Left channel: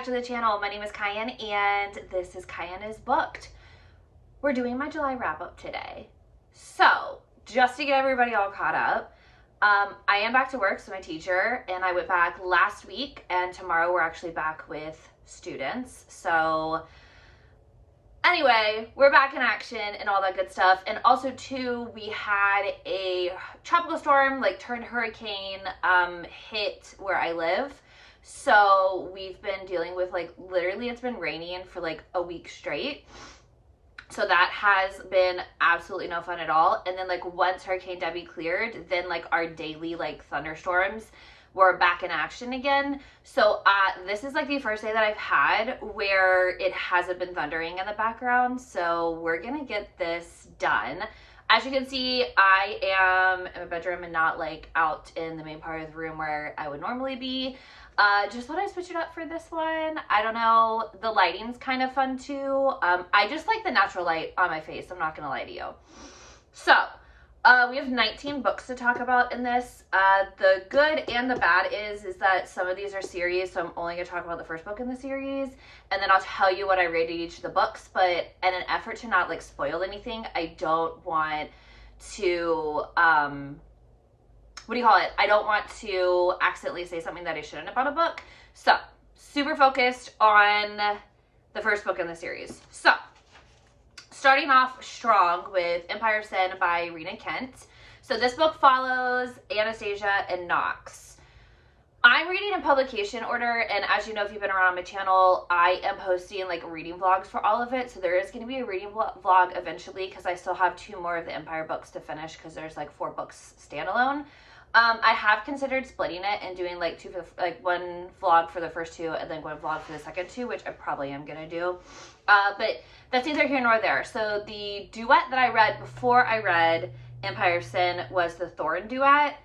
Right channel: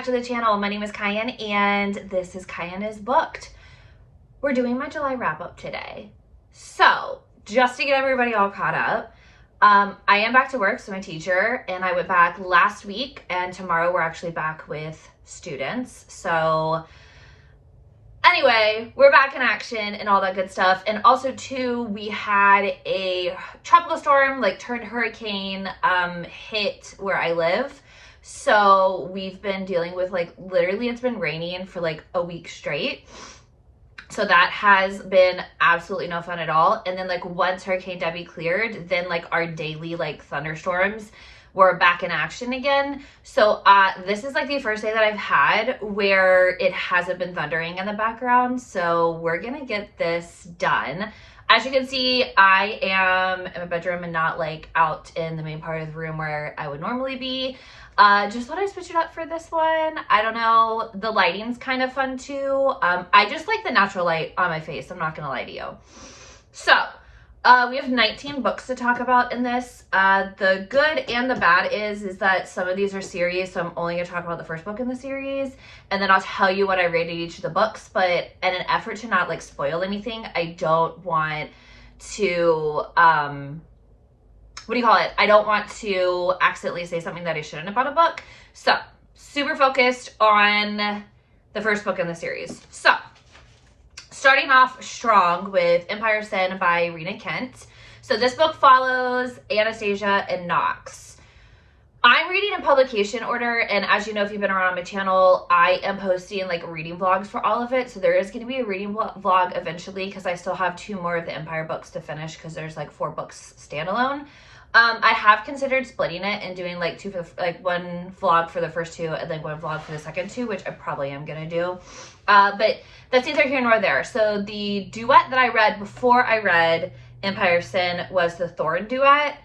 back to the channel. My name is Cayenne and this is Cayenne is Booked. We're doing my July wrap up today. So just to get everybody all caught up, I am back to work, so my teacher and I went back last week, and tomorrow we're actually back with students. So anyway, we're back in action and all that good stuff. And also too, we had a tropical storm, like turned hurricane, hit where I live. So we've been dealing with, like, literally it's been raining for like a week straight. So that has been absolutely no fun at all. And then like once Hurricane Debbie cleared, then like our daily like thunderstorms were back in action again. So this is like the first day that I've had where it hasn't been thundering in the background. So we're gonna get this done. As you can see, I am in my bedroom and not like out in the main part of the room where I would normally be. Just thought I'd switch it up for this one. I don't know, the lighting's kind of fun too. I just like the natural light on my face, I'm not gonna lie to you. So, we have 19 books to talk about in this. The good and the bad is that some of these are series, so I'm only gonna talk about the first book in the series, and then I'll tell you what I rated each of the books, but in an effort to not like spoil anything, I don't want to, I don't want to accidentally say something that I shouldn't about a book. So, super focused on the first book in the series. So, starting off strong with Empire of Sin by Rena Kent. So this book follows Anastasia and Knox. I'm reading in publication order, and as you know, if you've been around my channel, I am posting like reading vlogs for all of it. So there is going to be a reading vlog eventually, because I still have 2 more of the Empire books to finish, because there's like 4 books standalone. I have considered splitting it and doing like 2 for the, like 1 vlog for the first 2 and then 1 vlog for the second 2, which I probably am gonna do. But that's neither here nor there. So the duet that I read before I read Empire of Sin was the Throne duet.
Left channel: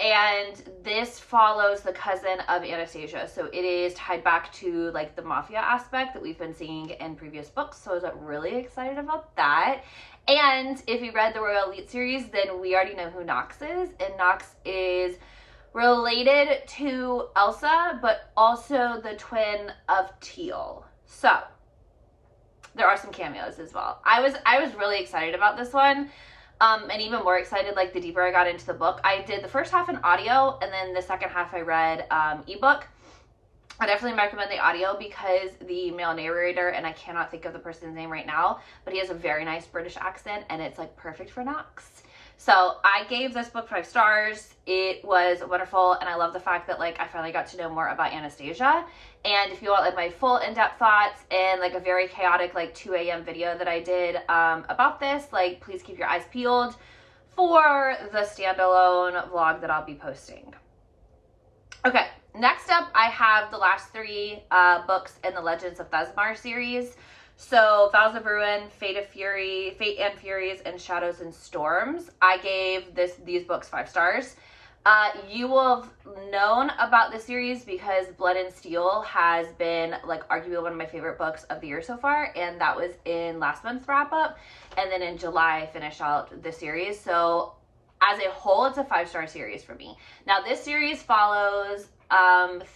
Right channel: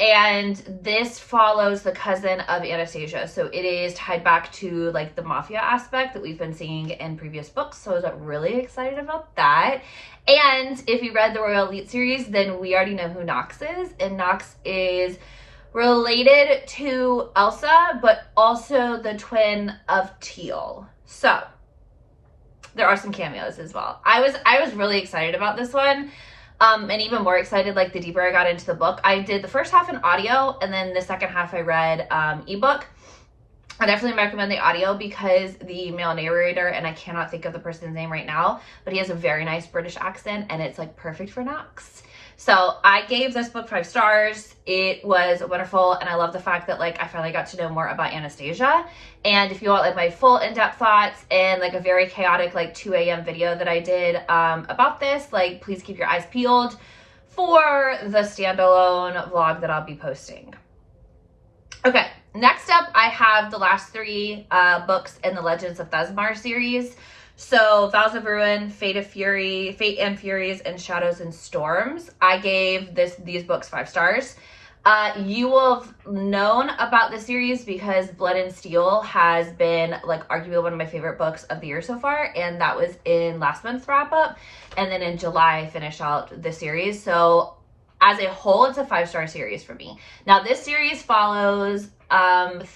And this follows the cousin of Anastasia. So it is tied back to like the mafia aspect that we've been seeing in previous books. So I was really excited about that. And if you read the Royal Elite series, then we already know who Knox is. And Knox is related to Elsa, but also the twin of Teal. So there are some cameos as well. I was really excited about this one. And even more excited like the deeper I got into the book. I did the first half in audio, and then the second half I read ebook. I definitely recommend the audio because the male narrator, and I cannot think of the person's name right now, but he has a very nice British accent, and it's like perfect for Knox. So I gave this book 5 stars. It was wonderful, and I love the fact that like I finally got to know more about Anastasia. And if you want like my full in-depth thoughts and like a very chaotic like 2 a.m. video that I did about this, like please keep your eyes peeled for the standalone vlog that I'll be posting. Okay, next up I have the last 3 books in the Legends of Thesmar series. So Vows of Ruin, Fate and Furies, and Shadows and Storms. I gave these books 5 stars. You will have known about the series because Blood and Steel has been like arguably one of my favorite books of the year so far, and that was in last month's wrap up. And then in July I finished out the series. So as a whole, it's a 5-star series for me. Now this series follows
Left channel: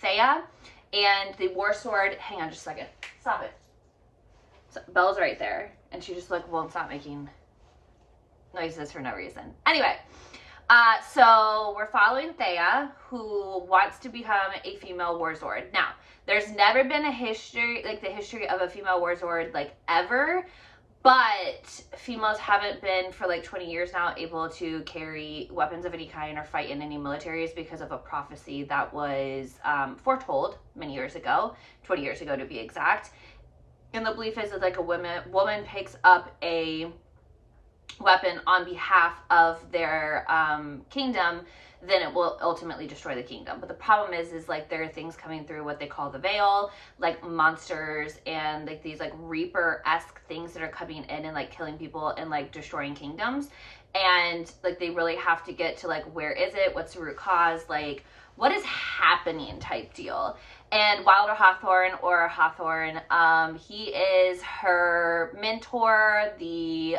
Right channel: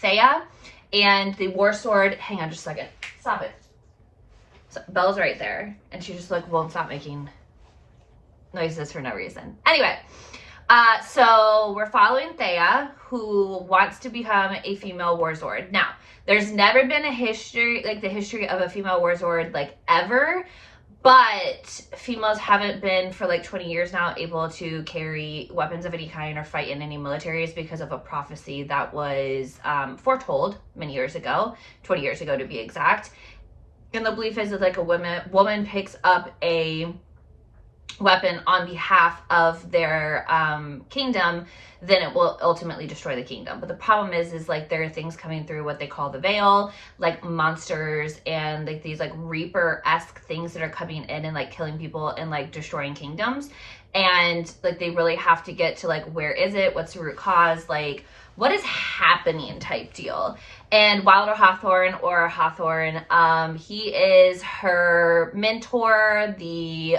Thea and the War Sword. Hang on just a second. Stop it. So Belle's right there, and she just like won't stop making noises for no reason. Anyway, so we're following Thea, who wants to become a female warzord. Now, there's never been a history, like the history of a female warzord, like ever, but females haven't been for like 20 years now able to carry weapons of any kind or fight in any militaries because of a prophecy that was foretold many years ago, 20 years ago to be exact. And the belief is that like a woman picks up a weapon on behalf of their kingdom, then it will ultimately destroy the kingdom. But the problem is like there are things coming through what they call the veil, like monsters and like these like Reaper-esque things that are coming in and like killing people and like destroying kingdoms. And like they really have to get to like, where is it? What's the root cause? Like, what is happening type deal. And Wilder Hawthorne, or Hawthorne, he is her mentor, the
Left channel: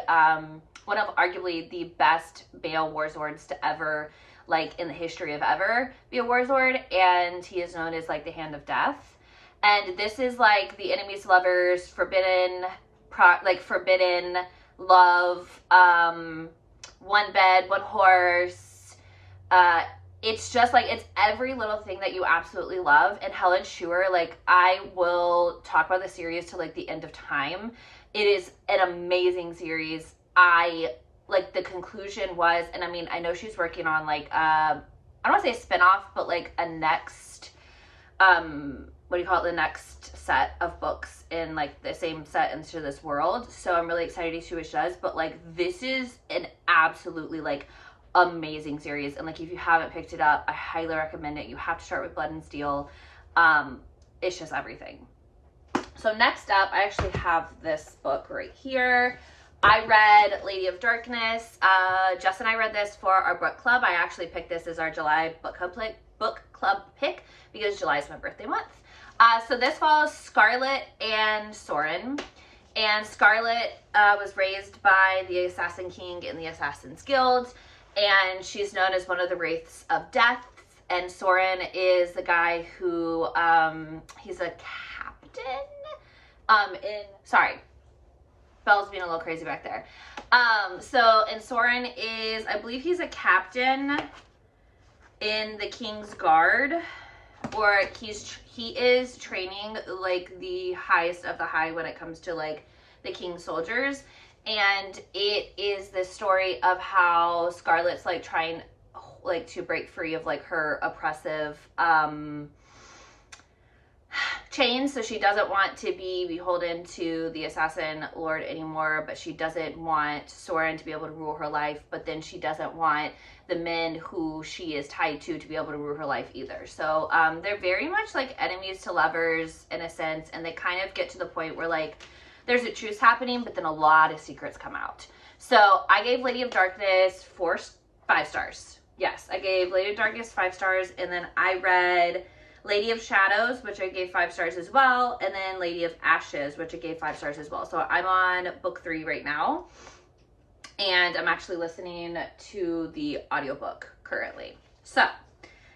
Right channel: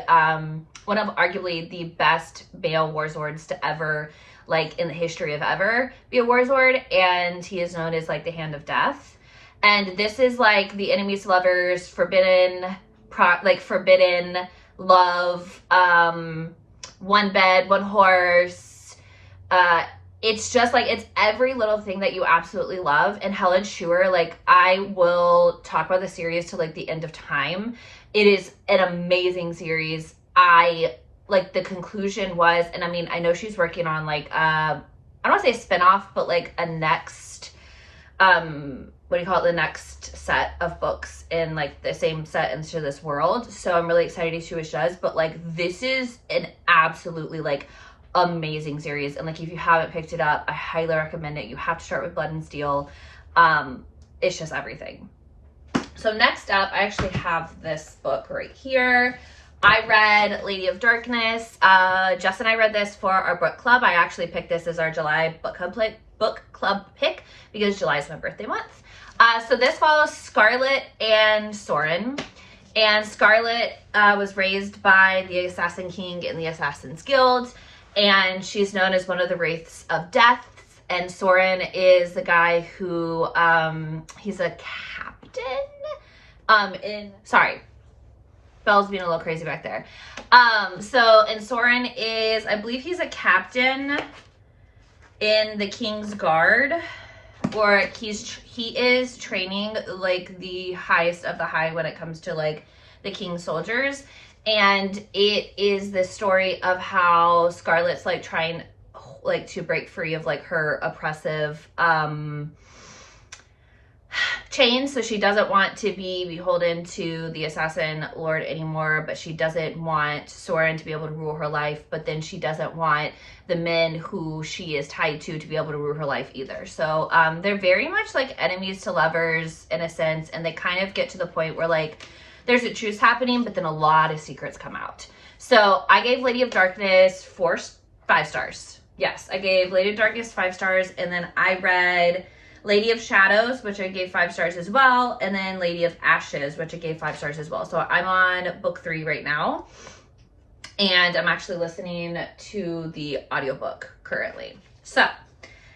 one of arguably the best male warzords to ever, like in the history of ever, be a warzord, and he is known as like the Hand of Death. And this is like the enemies to lovers, forbidden love, one bed, one horse. It's just like, it's every little thing that you absolutely love. And Helen Schuer, like, I will talk about the series to like the end of time. It is an amazing series. I like the conclusion was, and I mean, I know she's working on like, I don't want to say a spinoff, but like a next, what do you call it? The next set of books in like the same set into this world. So I'm really excited to see what she does. But like, this is an absolutely like amazing series. And like, if you haven't picked it up, I highly recommend it. You have to start with Blood and Steel. It's just everything. So next up, I actually have this book right here. I read Lady of Darkness. Jess and I read this for our book club. I actually picked this as our July book club pick because July is my birthday month. So this follows Scarlet and Soren. And Scarlet was raised by the Assassin King in the Assassin's Guild, and she's known as one of the Wraiths of Death. And Soren is the guy who, he's a captain sorry, Belle's being a little crazy back there. And Soren is, I believe he's a captain in the King's Guard, or he is training like the highest of the high when it comes to like the King's soldiers. And it is the story of how Scarlet's like trying like to break free of like her oppressive chains. So she doesn't want to be beholden to the assassin lord anymore, but she doesn't want Soren to be able to rule her life, but then she doesn't want the men who she is tied to be able to rule her life either. So they're very much like enemies to lovers in a sense, and they kind of get to the point where like there's a truce happening, but then a lot of secrets come out. So I gave Lady of Darkness 5 stars. Yes, I gave Lady of Darkness 5 stars, and then I read Lady of Shadows, which I gave 5 stars as well, and then Lady of Ashes, which I gave 5 stars as well. So I'm on book 3 right now, and I'm actually listening to the audiobook currently. So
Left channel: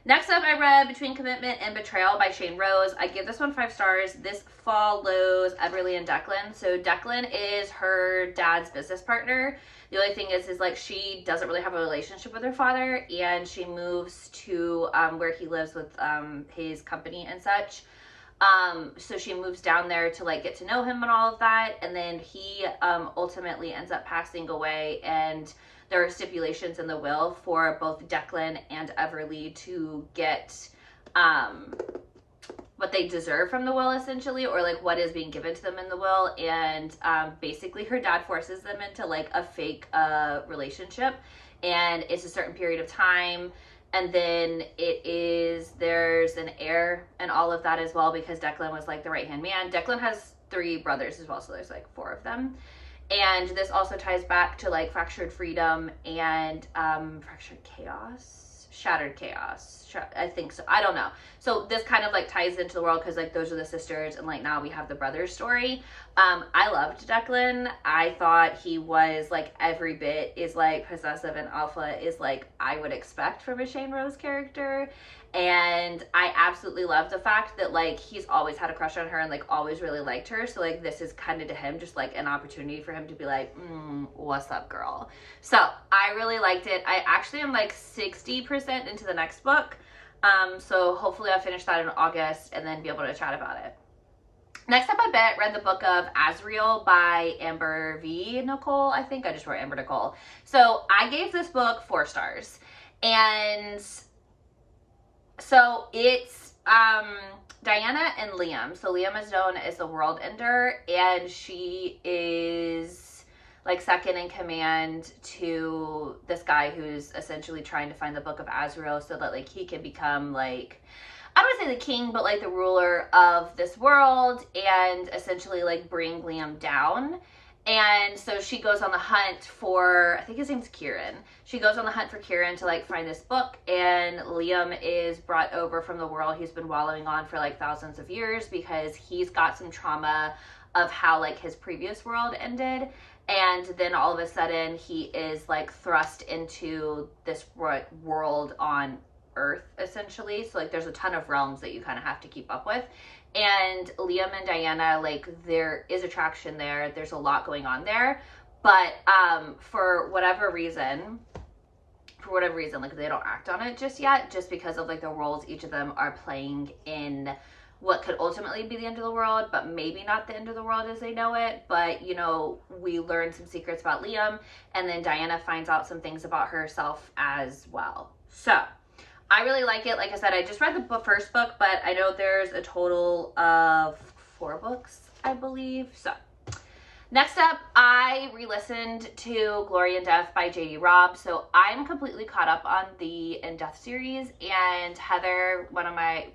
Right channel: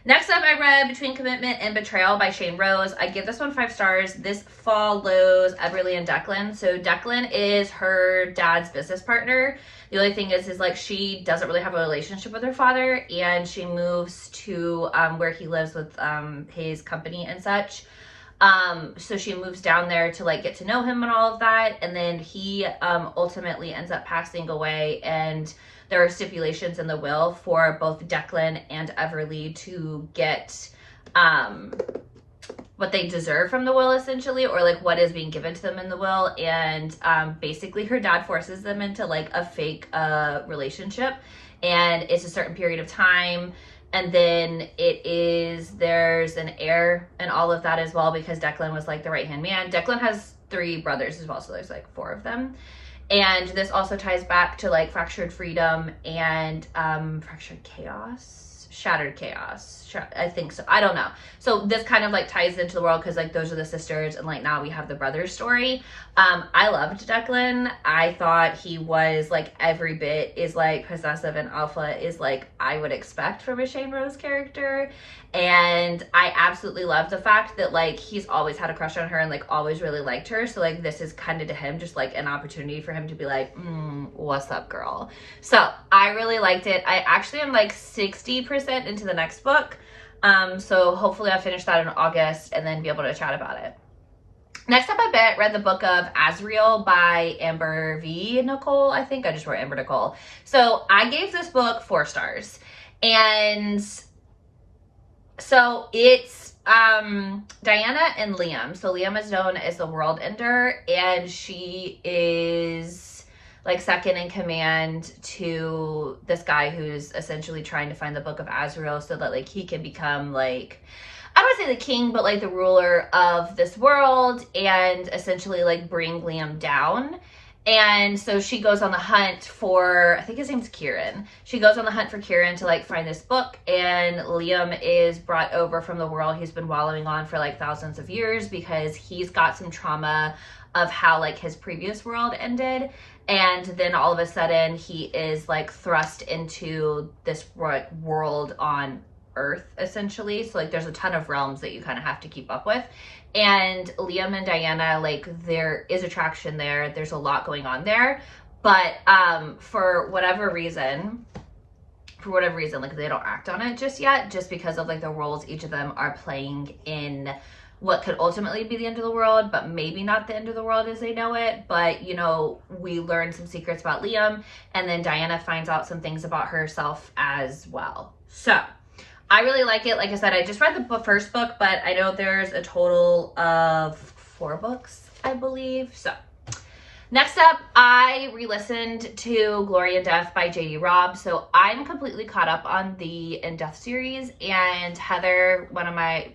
next up, I read Between Commitment and Betrayal by Shane Rose. I give this one 5 stars. This follows Everly and Declan. So Declan is her dad's business partner. The only thing is like she doesn't really have a relationship with her father, and she moves to where he lives with his company and such. So she moves down there to like get to know him and all of that, and then he ultimately ends up passing away, and there are stipulations in the will for both Declan and Everly to get what they deserve from the will, essentially, or like what is being given to them in the will. And basically her dad forces them into like a fake relationship, and it's a certain period of time, and then there's an heir and all of that as well, because Declan was like the right hand man. Declan has 3 brothers as well, so there's like 4 of them. And this also ties back to like Fractured Freedom and Fractured Chaos, Shattered Chaos, I think so, I don't know. So this kind of like ties into the world, because like those are the sisters, and like now we have the brothers story. I loved Declan. I thought he was like every bit is like possessive and alpha is like I would expect from a Shane Rose character. And I absolutely love the fact that like he's always had a crush on her and like always really liked her. So like this is kind of to him just like an opportunity for him to be like, what's up, girl? So I really liked it. I actually am like 60% into the next book. So hopefully I'll finish that in August and then be able to chat about it. Next up, I read the book of Azriel by Amber V. Nicole. I think I just wrote Amber Nicole. So I gave this book 4 stars. And so it's Diana and Liam. So Liam is known as the World Ender, and she is like second in command to this guy who's essentially trying to find the book of Azriel so that like he can become like, I don't want to say the king, but like the ruler of this world, and essentially like bring Liam down. And so she goes on the hunt for, I think his name's Kieran. She goes on the hunt for Kieran to like find this book, and Liam is brought over from the world he's been wallowing on for like thousands of years, because he's got some trauma of how like his previous world ended. And then all of a sudden he is like thrust into this world on Earth, essentially. So like there's a ton of realms that you kind of have to keep up with. And Liam and Diana, like there is attraction there. There's a lot going on there. But for whatever reason, like they don't act on it just yet, just because of like the roles each of them are playing in what could ultimately be the end of the world, but maybe not the end of the world as they know it. But, you know, we learn some secrets about Liam, and then Diana finds out some things about herself as well. So I really like it. Like I said, I just read the first book, but I know there's a total of 4 books, I believe. So next up, I re-listened to Glory in Death by J.D. Robb. So I'm completely caught up on the In Death series, and Heather, one of my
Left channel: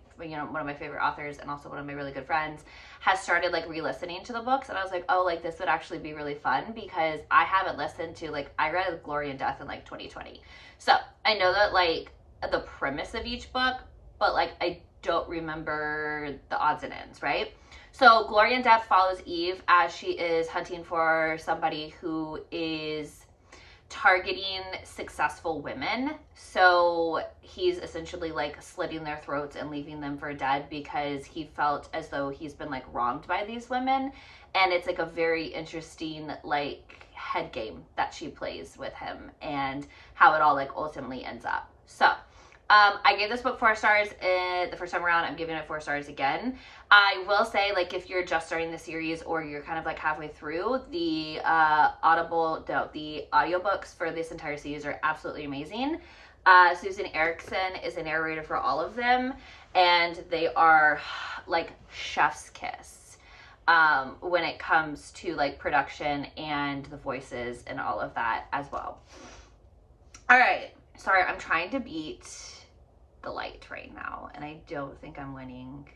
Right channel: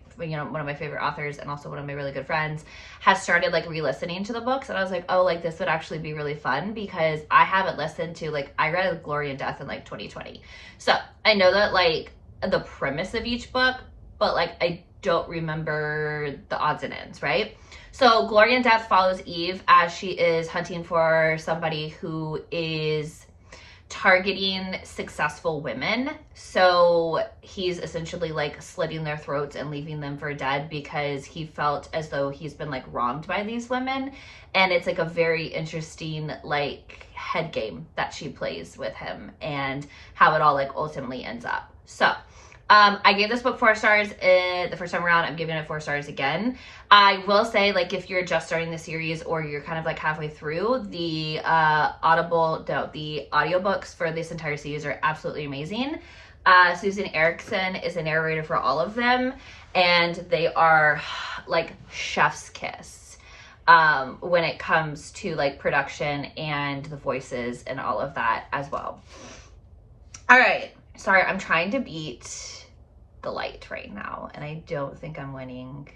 favorite authors and also one of my really good friends, has started like re-listening to the books. And I was like, oh, like this would actually be really fun, because I haven't listened to, like, I read Glory in Death in like 2020. So I know that like the premise of each book, but like I don't remember the odds and ends, right? So Glory in Death follows Eve as she is hunting for somebody who is targeting successful women. So he's essentially like slitting their throats and leaving them for dead because he felt as though he's been like wronged by these women. And it's like a very interesting like head game that she plays with him and how it all like ultimately ends up. So I gave this book 4 stars the first time around. I'm giving it 4 stars again. I will say, like, if you're just starting the series or you're kind of like halfway through, the audiobooks for this entire series are absolutely amazing. Susan Erickson is a narrator for all of them, and they are like chef's kiss when it comes to like production and the voices and all of that as well. All right. Sorry, I'm trying to beat the light right now, and I don't think I'm winning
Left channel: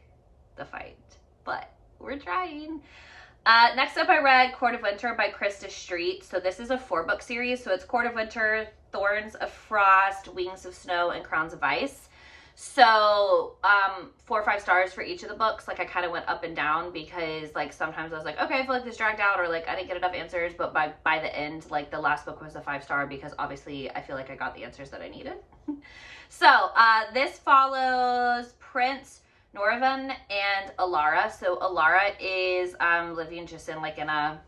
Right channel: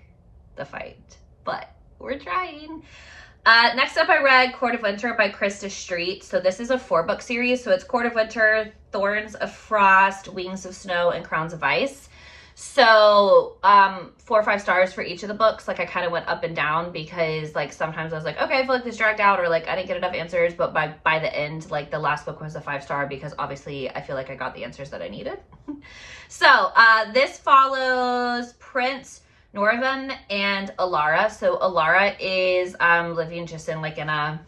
the fight, but we're trying. Next up, I read Court of Winter by Krista Street. So this is a 4-book series. So it's Court of Winter, Thorns of Frost, Wings of Snow, and Crowns of Ice. So 4 or 5 stars for each of the books. Like I kind of went up and down because like sometimes I was like, okay, I feel like this dragged out, or like I didn't get enough answers. But by the end, like the last book was a 5-star because obviously I feel like I got the answers that I needed. So this follows Prince Norvan and Alara. So Alara is living just in like in a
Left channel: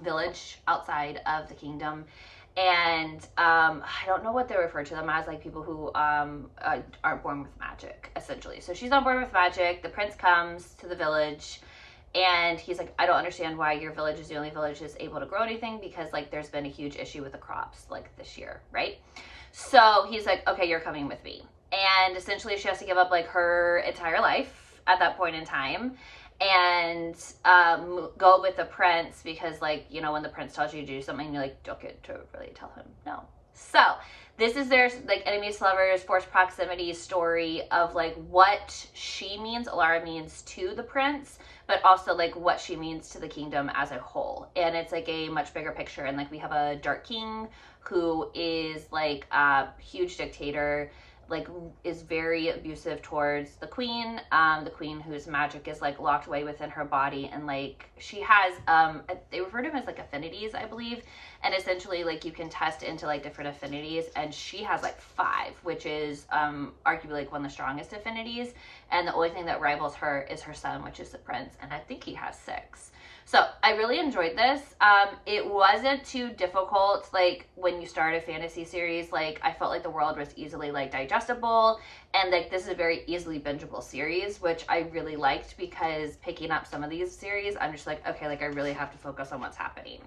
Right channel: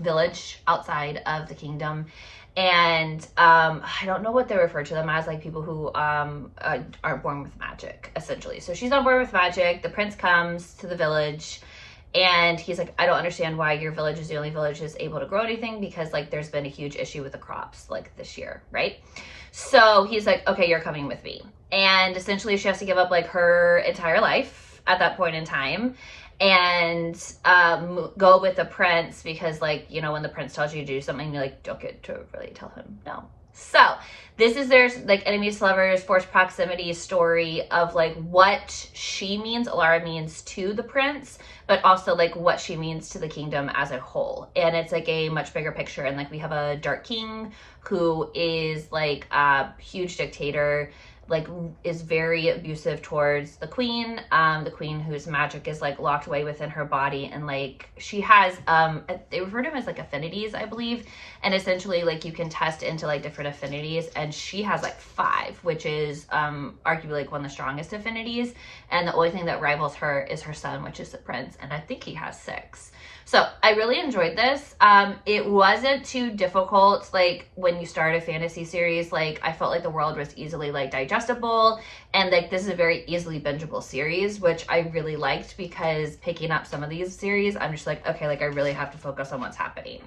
village outside of the kingdom. And I don't know what they refer to them as, like people who aren't born with magic, essentially. So she's not born with magic. The prince comes to the village and he's like, I don't understand why your village is the only village that's able to grow anything, because like there's been a huge issue with the crops like this year, right? So he's like, okay, you're coming with me. And essentially she has to give up like her entire life at that point in time and go with the prince, because like, you know, when the prince tells you to do something, you like don't get to really tell him no. So this is their like enemies to lovers, forced proximity story of like what she means, Alara means to the prince, but also like what she means to the kingdom as a whole. And it's like a much bigger picture. And like we have a dark king who is like a huge dictator, like is very abusive towards the queen whose magic is like locked away within her body, and like she has they refer to them as like affinities, I believe, and essentially like you can test into like different affinities, and she has like 5, which is arguably like one of the strongest affinities, and the only thing that rivals her is her son, which is the prince, and I think he has 6. So I really enjoyed this. It wasn't too difficult. Like when you start a fantasy series, like I felt like the world was easily like digestible, and like this is a very easily bingeable series, which I really liked, because picking up some of these series, I'm just like, okay, like I really have to focus on what's happening.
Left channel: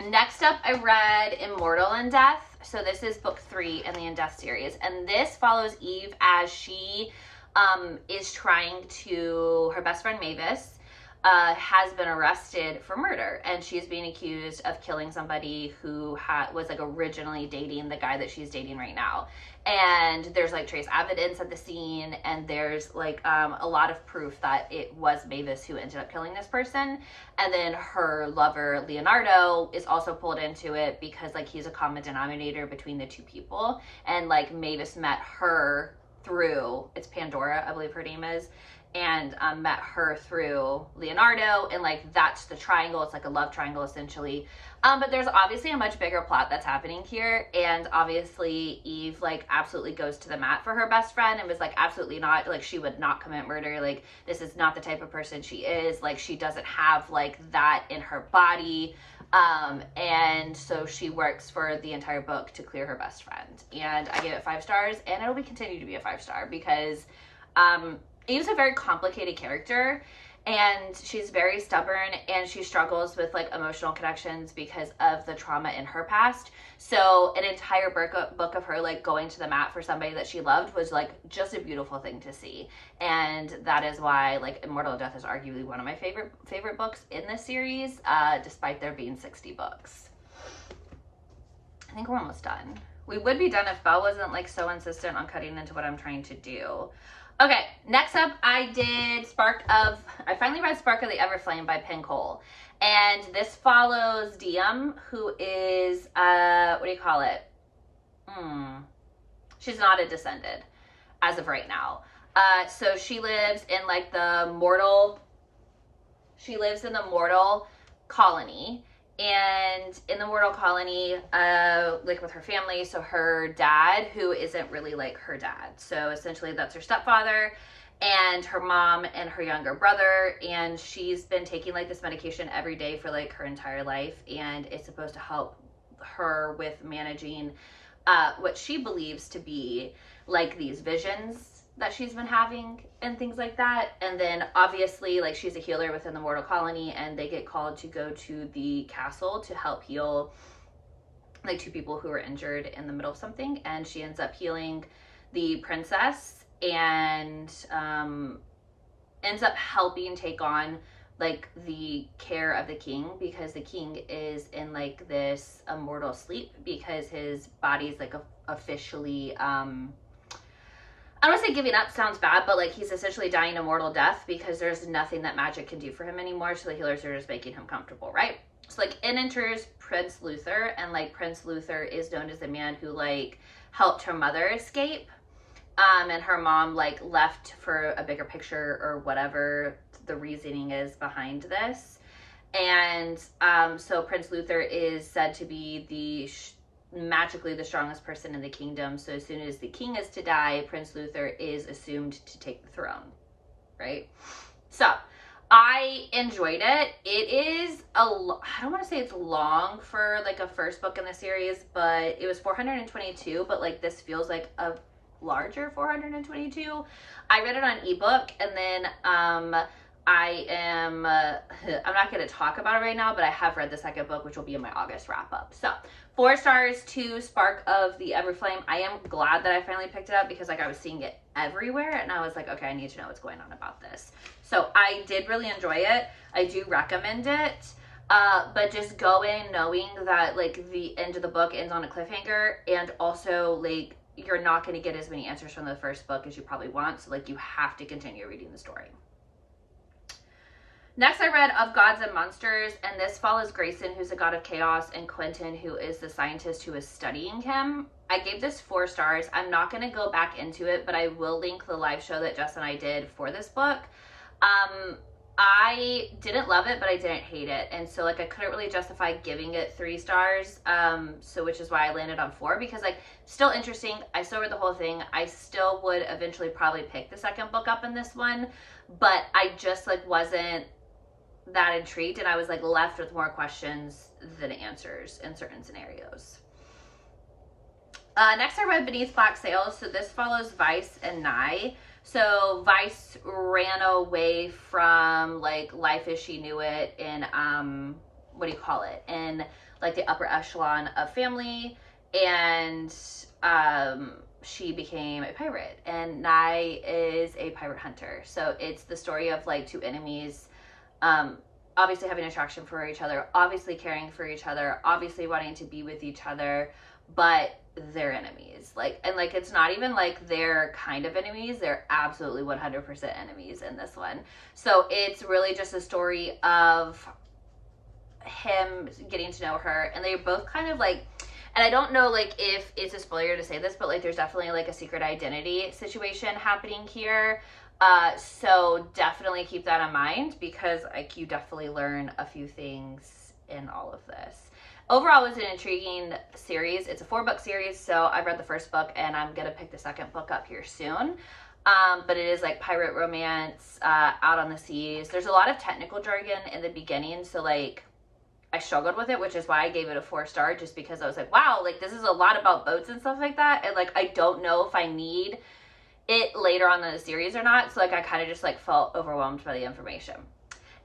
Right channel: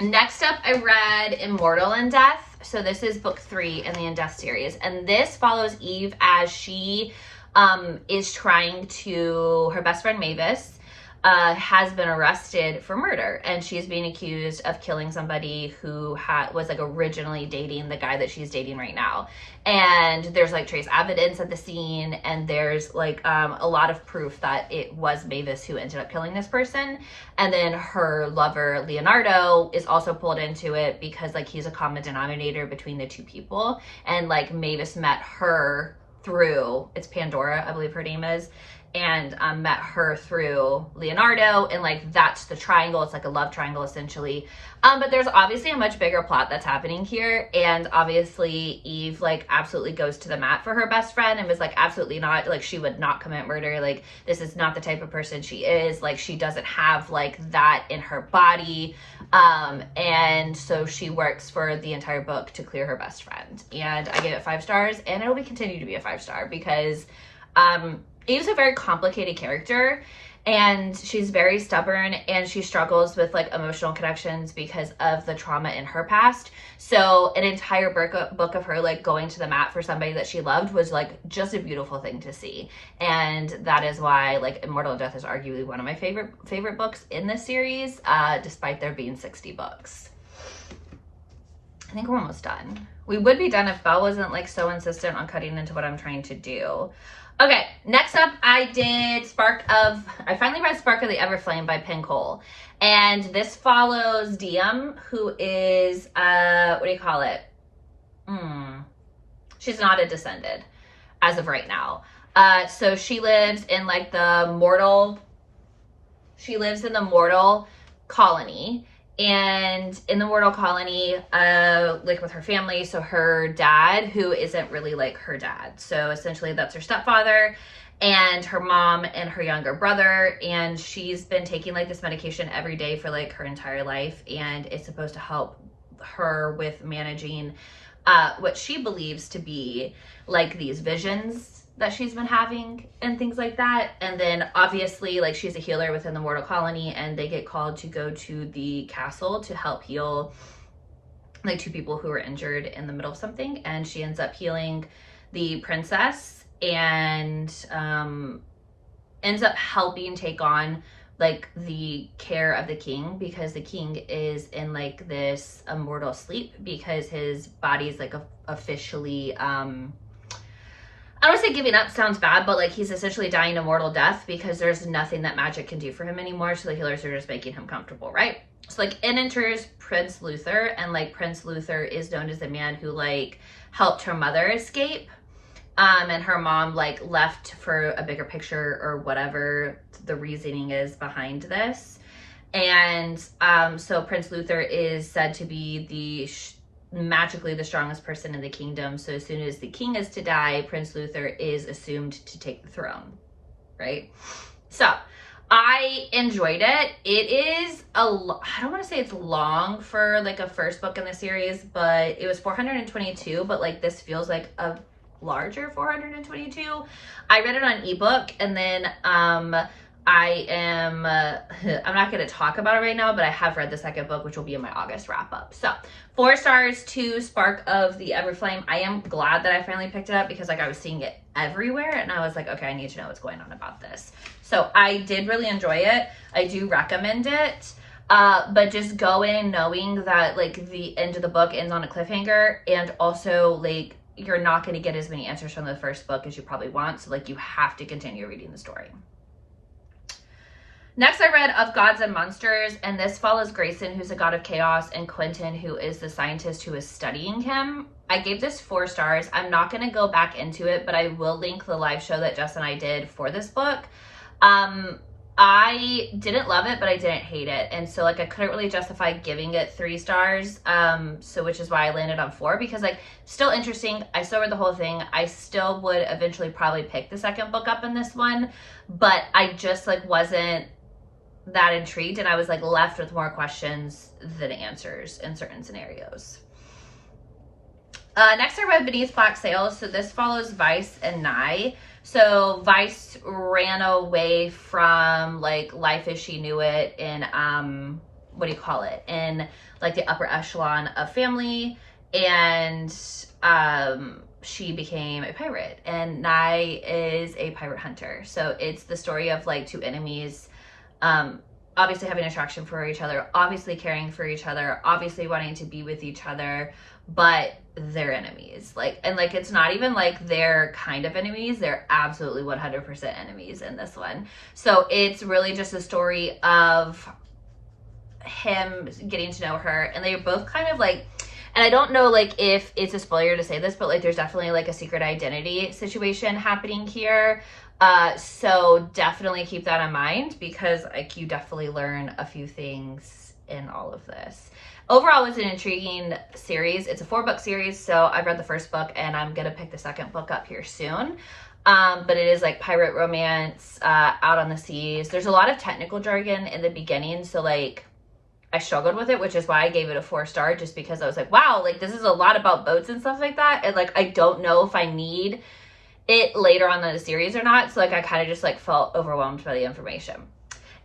Next up, I read Immortal in Death. So this is book 3 in the In Death series, and this follows Eve as she is trying to, her best friend Mavis has been arrested for murder, and she's being accused of killing somebody who was like originally dating the guy that she's dating right now. And there's like trace evidence at the scene, and there's like a lot of proof that it was Mavis who ended up killing this person. And then her lover Leonardo is also pulled into it because like he's a common denominator between the two people, and like Mavis met her through, it's Pandora, I believe her name is, and met her through Leonardo, and like that's the triangle. It's like a love triangle essentially. But there's obviously a much bigger plot that's happening here, and obviously Eve like absolutely goes to the mat for her best friend and was like absolutely not, like she would not commit murder, like this is not the type of person she is, like she doesn't have like that in her body. And so she works for the entire book to clear her best friend, and I gave it 5 stars, and it'll be continue to be a 5-star because Eve's a very complicated character, and she's very stubborn, and she struggles with like emotional connections because of the trauma in her past. So an entire book of her like going to the mat for somebody that she loved was like just a beautiful thing to see. And that is why like Immortal in Death is arguably one of my favorite books in this series, despite there being 60 books. I think we're almost done. We would be done if Belle wasn't like so insistent on cutting into what I'm trying to do. Okay, next up I finally read Spark of the Everflame by Penn Cole. And this follows Diem, who is, what do you call it? She's not a descended as of right now. So she lives in like the mortal colony. And in the mortal colony, like with her family, so her dad, who isn't really like her dad, so essentially that's her stepfather, and her mom and her younger brother, and she's been taking like this medication every day for like her entire life, and it's supposed to help her with managing what she believes to be like these visions that she's been having and things like that. And then obviously like she's a healer within the mortal colony, and they get called to go to the castle to help heal like 2 people who were injured in the middle of something, and she ends up healing the princess and ends up helping take on like the care of the king, because the king is in like this immortal sleep because his body's like officially I don't want to say giving up, sounds bad, but like he's essentially dying a mortal death because there's nothing that magic can do for him anymore. So the healers are just making him comfortable, right? So like in enters Prince Luther, and like Prince Luther is known as the man who like helped her mother escape. And her mom like left for a bigger picture or whatever the reasoning is behind this. And so Prince Luther is said to be magically the strongest person in the kingdom. So as soon as the king is to die, Prince Luther is assumed to take the throne, right? So I enjoyed it. It is I don't want to say it's long for like a first book in the series, but it was 422, but like this feels like a larger 422. I read it on ebook, and then I'm not going to talk about it right now, but I have read the second book, which will be in my August wrap up. So 4 stars to Spark of the Everflame. I am glad that I finally picked it up because like I was seeing it everywhere, and I was like, okay, I need to know what's going on about this. So I did really enjoy it. I do recommend it. But just go in knowing that like the end of the book ends on a cliffhanger, and also like you're not going to get as many answers from the first book as you probably want. So like you have to continue reading the story. Next, I read Of Gods and Monsters, and this follows Grayson, who's a god of chaos, and Quentin, who is the scientist who is studying him. I gave this 4 stars. I'm not going to go back into it, but I will link the live show that Jess and I did for this book. I didn't love it, but I didn't hate it. And so like I couldn't really justify giving it 3 stars. So which is why I landed on 4, because like still interesting. I still read the whole thing. I still would eventually probably pick the second book up in this one, but I just like wasn't that intrigued, and I was like left with more questions than answers in certain scenarios. Next I read Beneath Black Sails. So this follows Vice and Nye. So Vice ran away from like life as she knew it in what do you call it, in like the upper echelon of family, and she became a pirate, and Nye is a pirate hunter. So it's the story of like 2 enemies, obviously having attraction for each other, obviously caring for each other, obviously wanting to be with each other, but they're enemies. Like, and like it's not even like they're kind of enemies, they're absolutely 100% enemies in this one. So it's really just a story of him getting to know her, and they're both kind of like, And I don't know like if it's a spoiler to say this, but like there's definitely like a secret identity situation happening here. So definitely keep that in mind, because like you definitely learn a few things in all of this. Overall, it was an intriguing series. It's a 4-book series, so I've read the first book and I'm gonna pick the second book up here soon. But it is like pirate romance, out on the seas. There's a lot of technical jargon in the beginning, so like I struggled with it, which is why I gave it a 4-star, just because I was like, wow, like this is a lot about boats and stuff like that, and like I don't know if I need it later on in the series or not. So like I kind of just like felt overwhelmed by the information.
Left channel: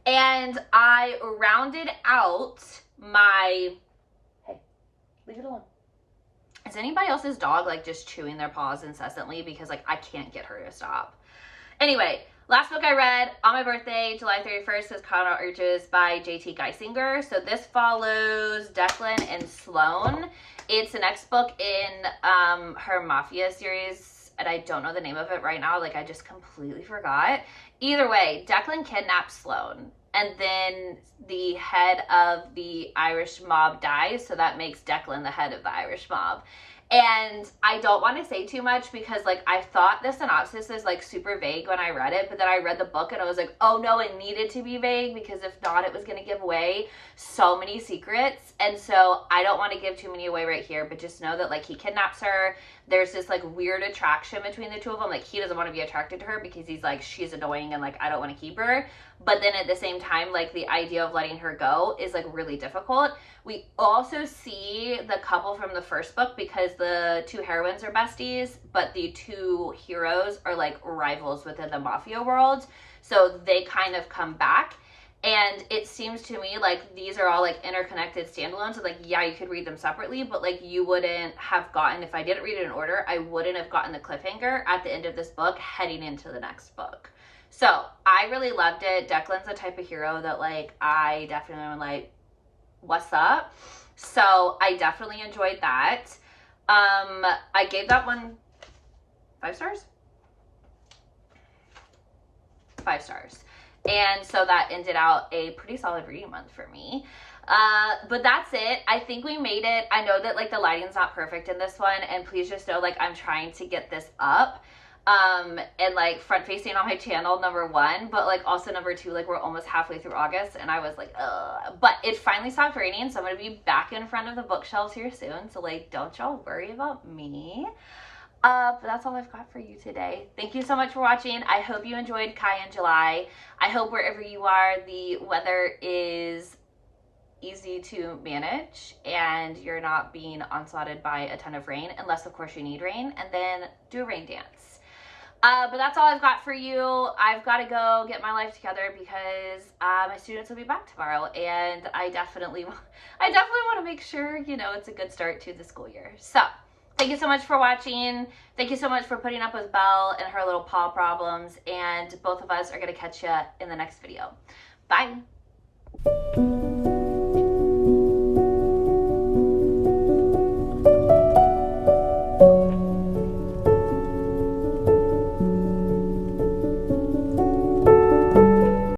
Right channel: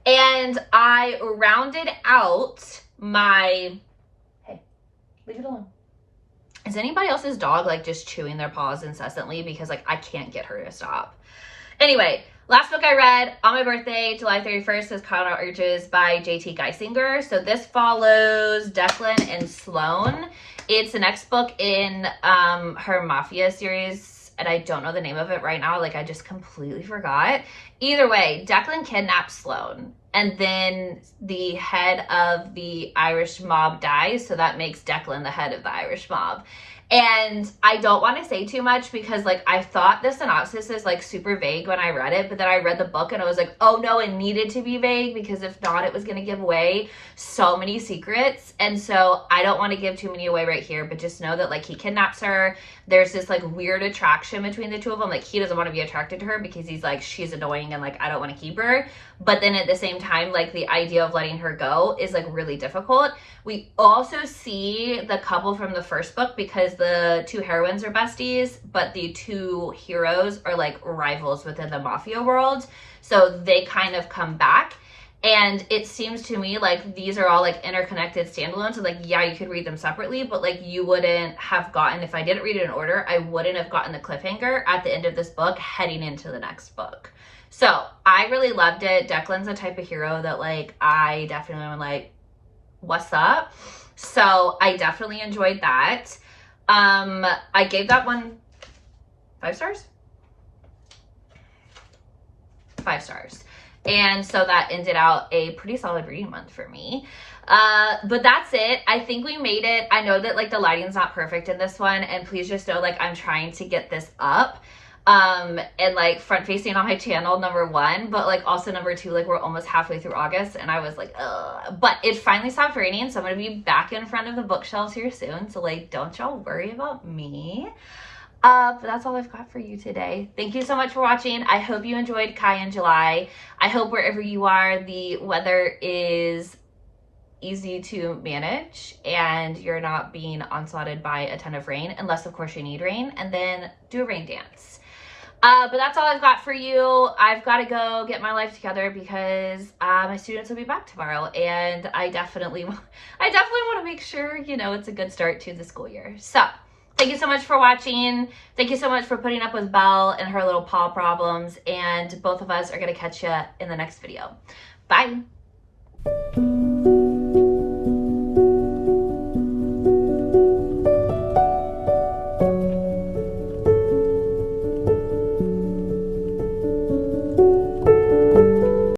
And I rounded out my, hey, leave it alone. Is anybody else's dog like just chewing their paws incessantly? Because like I can't get her to stop. Anyway, last book I read on my birthday, July 31st, is Carnal Urges by J.T. Geisinger. So this follows Declan and Sloane. It's the next book in her Mafia series, and I don't know the name of it right now. Like I just completely forgot. Either way, Declan kidnaps Sloane, and then the head of the Irish mob dies, so that makes Declan the head of the Irish mob. And I don't want to say too much because like I thought the synopsis is like super vague when I read it, but then I read the book and I was like, oh no, it needed to be vague, because if not, it was going to give away so many secrets. And so I don't want to give too many away right here, but just know that like he kidnaps her. There's this like weird attraction between the two of them. Like he doesn't want to be attracted to her because he's like, she's annoying and like I don't want to keep her. But then at the same time, like the idea of letting her go is like really difficult. We also see the couple from the first book, because the two heroines are besties, but the two heroes are like rivals within the mafia world. So they kind of come back. And it seems to me like these are all like interconnected standalones. And like, yeah, you could read them separately, but like you wouldn't have gotten, if I didn't read it in order, I wouldn't have gotten the cliffhanger at the end of this book heading into the next book. So I really loved it. Declan's the type of hero that like I definitely am like, what's up? So I definitely enjoyed that. I gave that one 5 stars. 5 stars. And so that ended out a pretty solid reading month for me. But that's it. I think we made it. I know that like the lighting's not perfect in this one, and please just know like I'm trying to get this up and like front facing on my channel, number 1, but like also number 2, like we're almost halfway through August and I was like, ugh. But it finally stopped raining, so I'm gonna be back in front of the bookshelves here soon, so like don't y'all worry about me. But that's all I've got for you today. Thank you so much for watching. I hope you enjoyed Kai in July. I hope wherever you are, the weather is easy to manage and you're not being onslaughted by a ton of rain, unless of course you need rain, and then do a rain dance. But that's all I've got for you. I've got to go get my life together because my students will be back tomorrow, and I definitely want to make sure, you know, it's a good start to the school year. So thank you so much for watching. Thank you so much for putting up with Belle and her little paw problems, and both of us are going to catch you in the next video. Bye.